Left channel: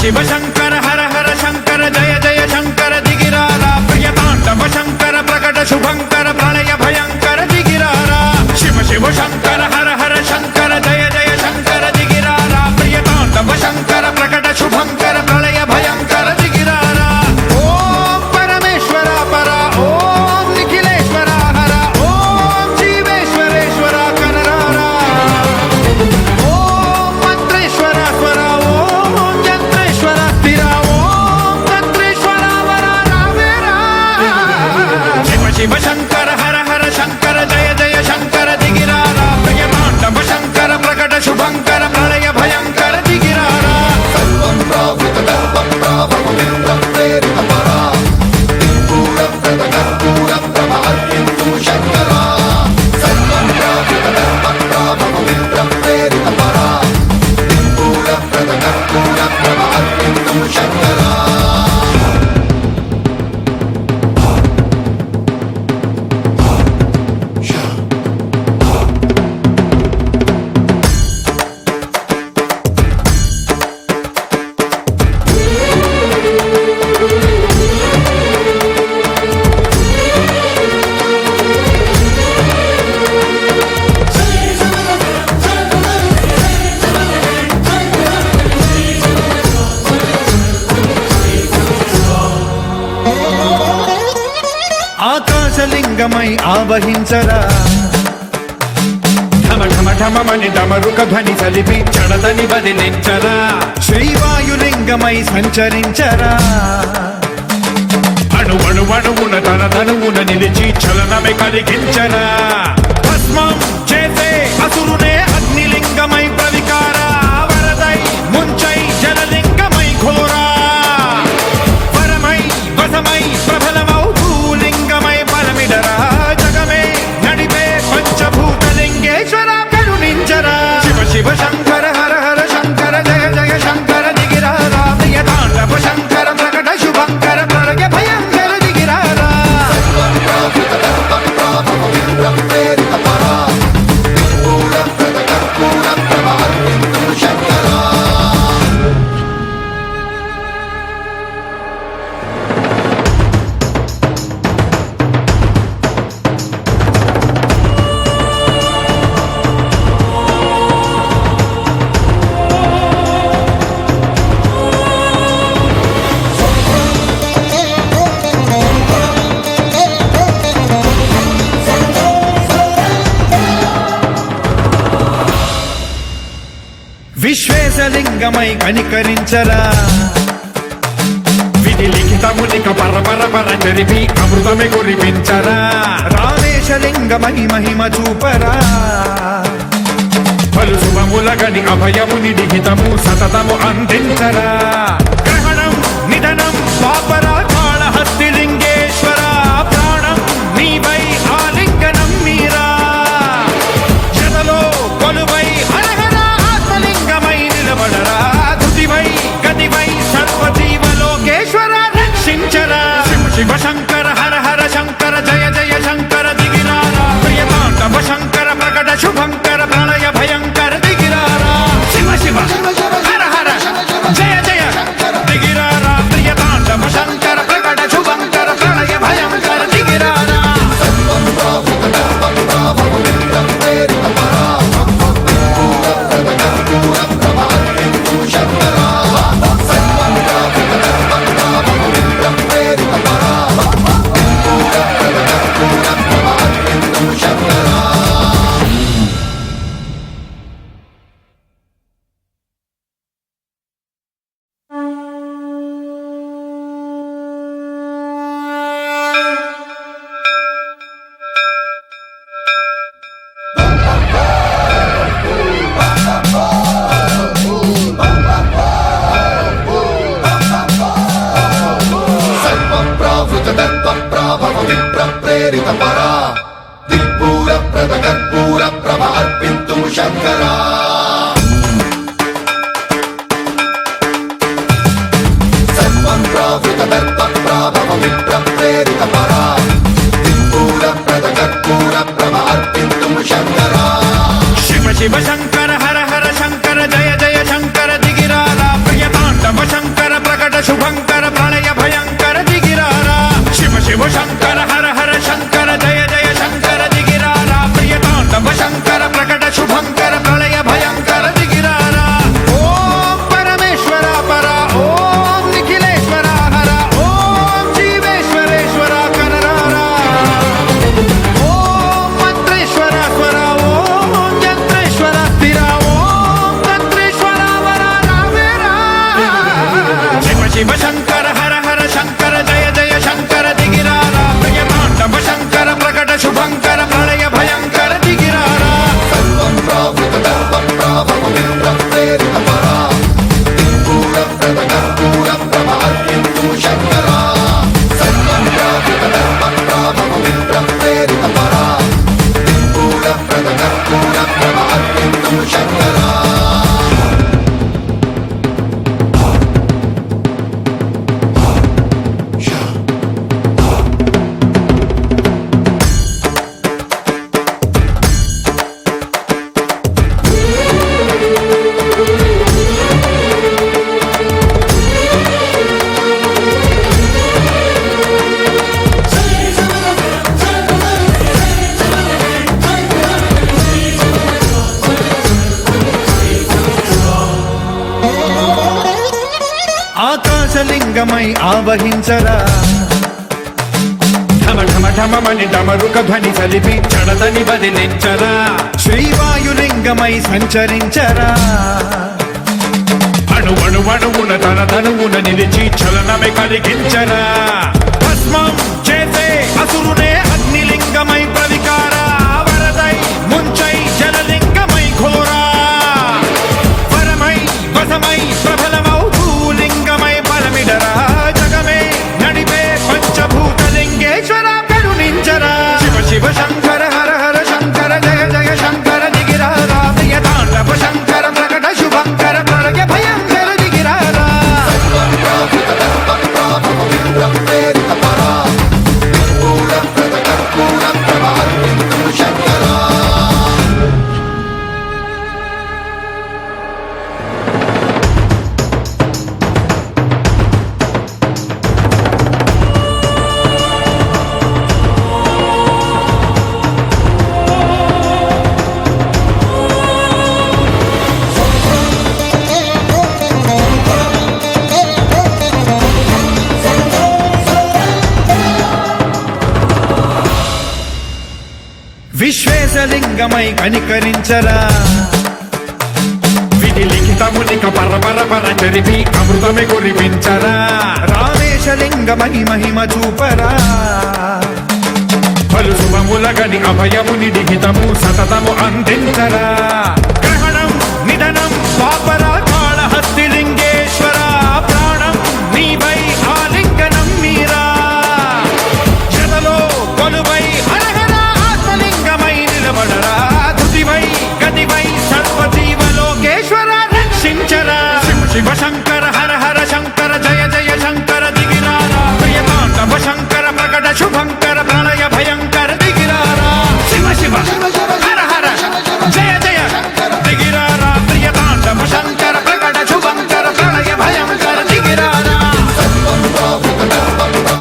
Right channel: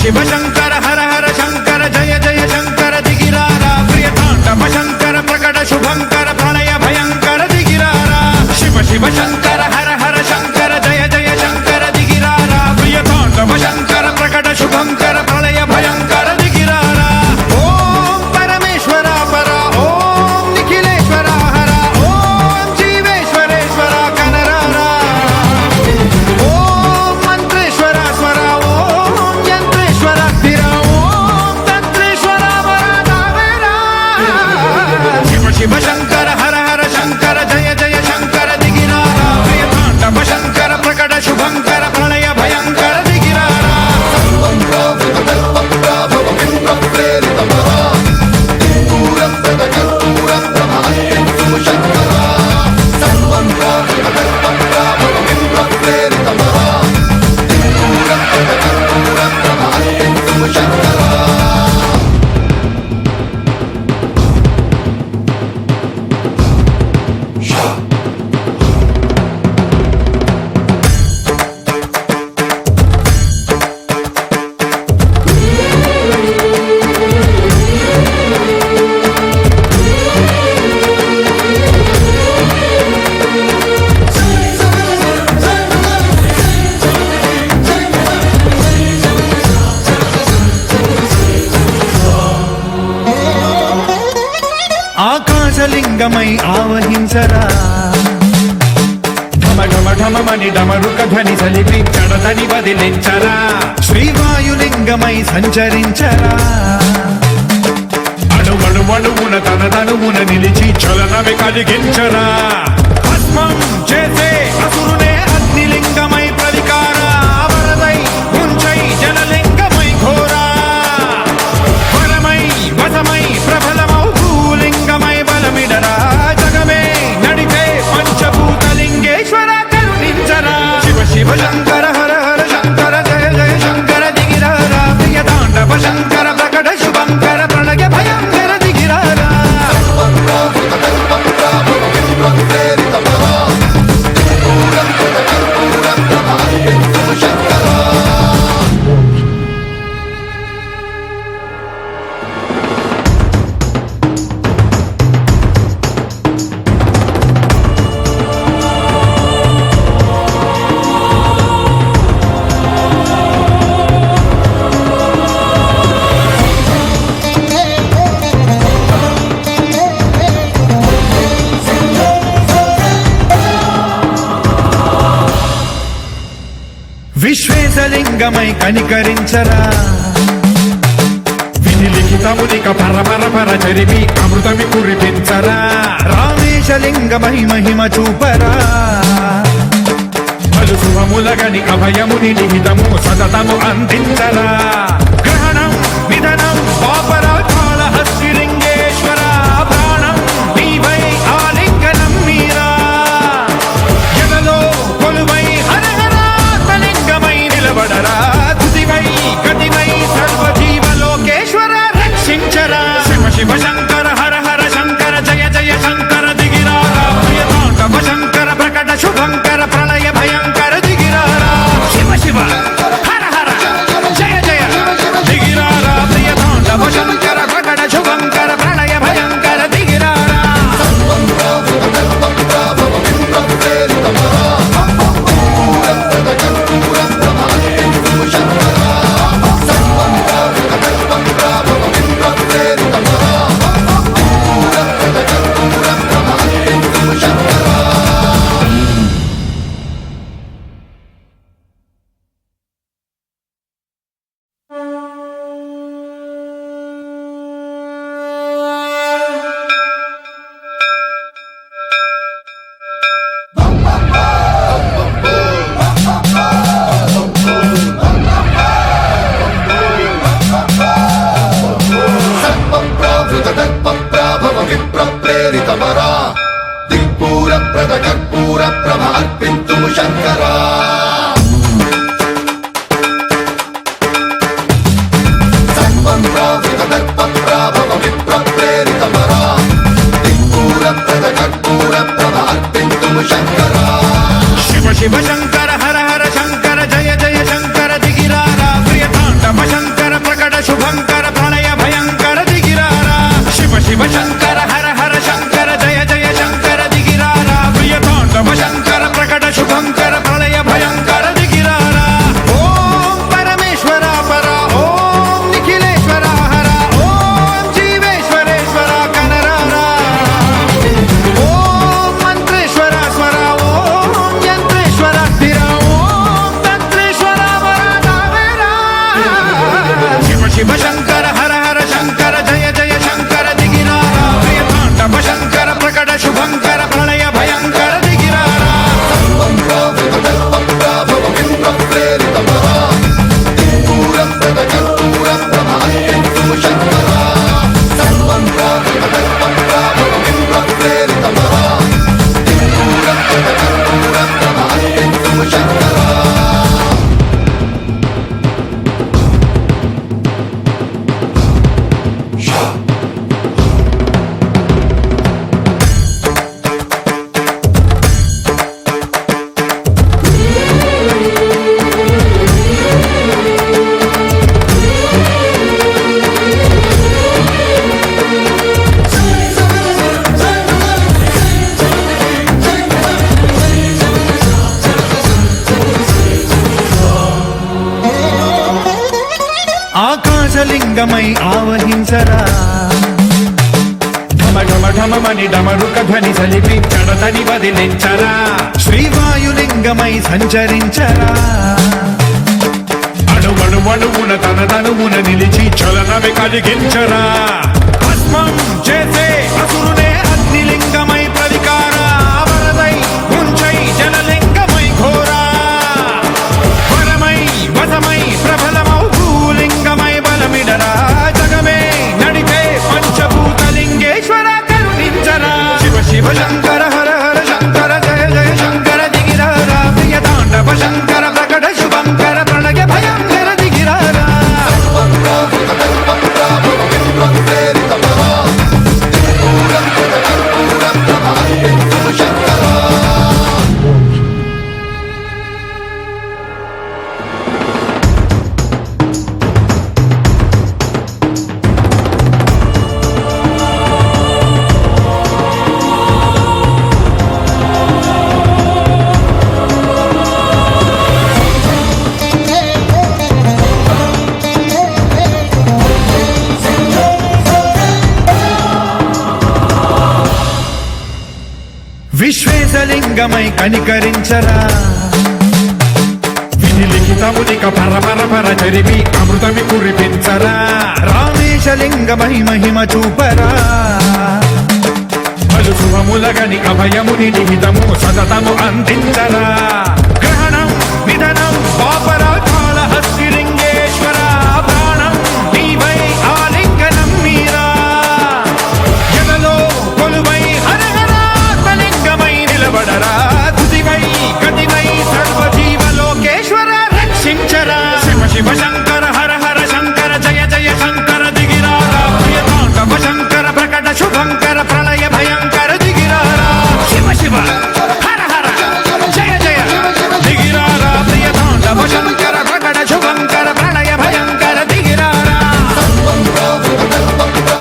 शिव शंकर हर हर शंकर जय जय शंकर दिगिरारा प्रियतांडव शंकर प्रकट शुभंकर प्रणय भयंकर दिगिरारा शिव शिव शंकर हर हर शंकर जय जय शंकर दिगिरारा प्रियतांडव शंकर प्रकट शुभंकर प्रणय भयंकर दिगिरारा ओम परमेश्वरा परा ओम निखिलेश्वरा हरा ओम जीवेश्वरेश्वरा कररारा ओम मंत्रेश्वरा स्वरा ओम यंत्रेश्वरा स्थिरा ओम तंत्रेश्वरा वरा शिव शिव शंकर हर हर शंकर जय जय शंकर दिगिरारा प्रियतांडव शंकर प्रकट शुभंकर प्रणय भयंकर दिगिरारा ఆకాశలింగమై ఆవహించరా ఢమ ఢమ ఢమమని డమరుక ధ్వని సలిపి జడదని వదిలించరా శ్రీవాయులింగమై సంచరించరా అడువడువడువున తన తనువున నిలిచి చలనమే కలిగించరా భస్మం చేసే అసురునే అగ్నిలింగమై ప్రవికార వరదై ముంచై జలలింగమై ఘోరా వరమై వధమై ప్రబలమౌ భూలింగమై బలమిడరా జగమే నడిపే పంచభూతలింగేశ్వర కరుణించరా శివ శివ శంకర హర హర శంకర జయ జయ శంకర దిగిరారా ప్రియతాండవ శంకర ప్రకట శుభంకర ప్రళయ భయంకర దిగిరారా విశ్వేశలింగమై కనికరించరా విధి లిఖితమునిక పరపర పర చరిపి అమృతమి కురిపించరా రామేశలింగమై మహిమ చూపరా పలు శుభములగని అభయముని లిఖితము సతతము అందించరా గ్రహణం నిధనం పాపరా కాళహస్తి లింగేశ్వర ప్రాణం నీవై ఆలింగనం మీరా జలలో కొలువై హర లింగమై నిలబడరా తుదివై గతివై సర్వజీవలోకేశ్వర రక్షించరా శివ శివ శంకర హర హర శంకర జయ జయ శంకర దిగిరారా ప్రియతాండవ శంకర ప్రకట శుభంకర ప్రణయ భయంకర దిగిరారా శివ శివ హర హర జయ జయ దిగిరారా ప్రియతాండవ శంకర ప్రకట శుభంకర ప్రణయ భయంకర దిగిరారా कर्पूर प्रभा अर्पिन्तुं शंकरा सर्वं प्रावृत दर्प प्राभव विप्र प्रेरित परा दिक्पूर प्रद శంకర హర హర శంకర జయ జయ శంకర దిగిరారా ప్రియ తాండవ శంకర ప్రకట శుభంకర ప్రళయ భయంకర దిగిరారా ఓం పరమేశ్వర పర ఓం నిఖిలేశ్వర హర ఓం జీవేశ్వరేశ్వర కరరారా ఓం మంత్రేశ్వర స్వర ఓం యంత్రేశ్వర స్థిర ఓం తంత్రేశ్వర వర నావేరా శివ శివ శంకర హర హర శంకర జయ జయ శంకర దిగిరారా ప్రియ తాండవ శంకర ప్రకట శుభంకర ప్రళయ భయంకర దిగిరారా ఆకాశలింగమై ఆవహించరా ఢమ ఢమ ఢమమని డమరుక ధ్వని సలిపి చడదని వదిలించరా శ్రీవాయులింగమై సంచరించరా అణువణువున తన తనువున నిలిచి చలనమే కలిగించరా భస్మం చేసే అసురునే అగ్నిలింగమై ప్రవికార వరదై ముంచై జలలింగమై ఘోరా వరమై వధమై ప్రబలమౌ భూలింగమై బలమిడరా జగమే నడిపే పంచభూతలింగేశ్వర కరుణించరా శివ శివ శంకర హర హర శంకర జయ జయ శంకర దిగిరారా ప్రియ తాండవ శంకర ప్రకట శుభంకర ప్రళయ భయంకర దిగిరారా విశ్వేశలింగమై కనికరించరా విధి లిఖితమునిక పరపర పర చరిపి అమృతమి కురిపించరా రామేశలింగమై మహిమ చూపరా పలు శుభములగని అభయముని లిఖితము సతతము అందించరా